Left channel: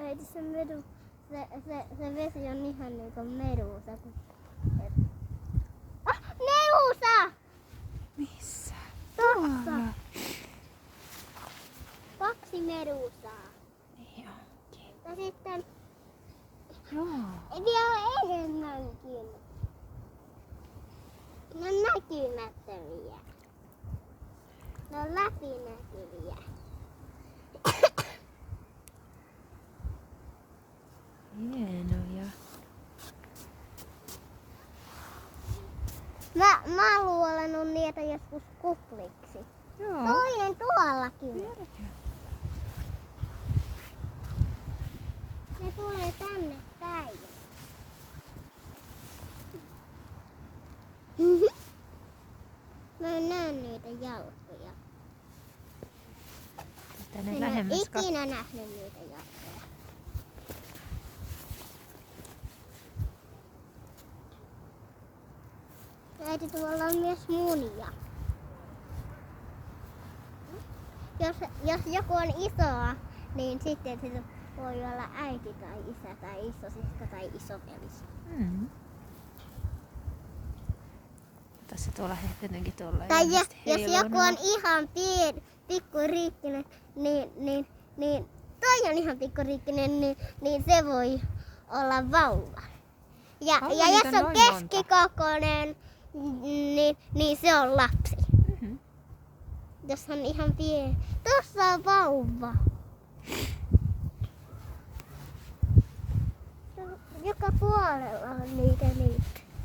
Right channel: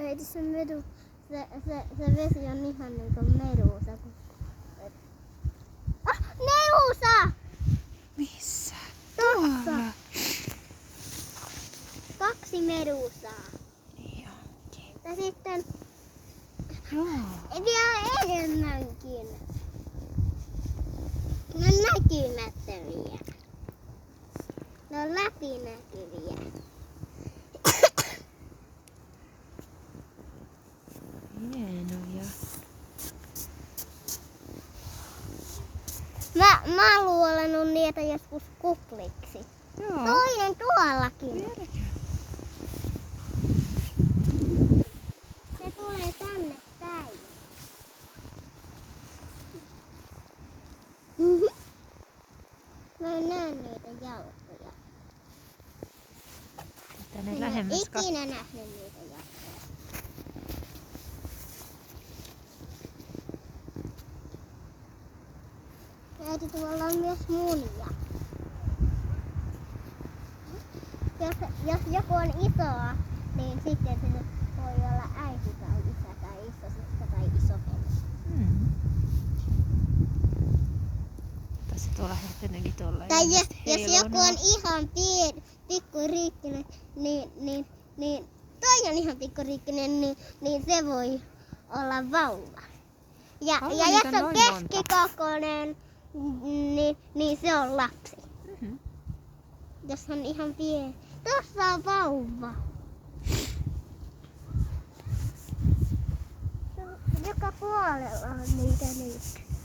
Äiti, se vesi on ihan niinku meduusa. Meduusa! Missä? Tuolla. 2 meduusaa. Niin onkin. Ja sitten Joo. vielä enemmänkin. Ne on näkymättömiä. Ne on läpinäkyviä. Hienoja. Mä oon luolannut niitä joskus kupliksi. Joo. Toinen tuollakin. Vieläkö? Se tulee tänne päin. Mä en näe niitä jalkoja. Tänne lähemmäs En ikinä nähnyt niitä jalkoja. Äiti, tuolla on myös munia. Jos joku on isoa, niin sitten sillä voi olla äiti tai isä tai isosiska tai isoveli. Mm. Tässä tuolla jotenkin tuolla. Tai jos joku on ihan pikkuriikkinen, niin toi on ihan pikkuriikkinen, niin se voi olla vauva. Ja jos on keskikokoinen, niin se on lapsi. Mm-hmm. Jos on ihan pieni. Tuossa on vauva. Joka puolella on niitä.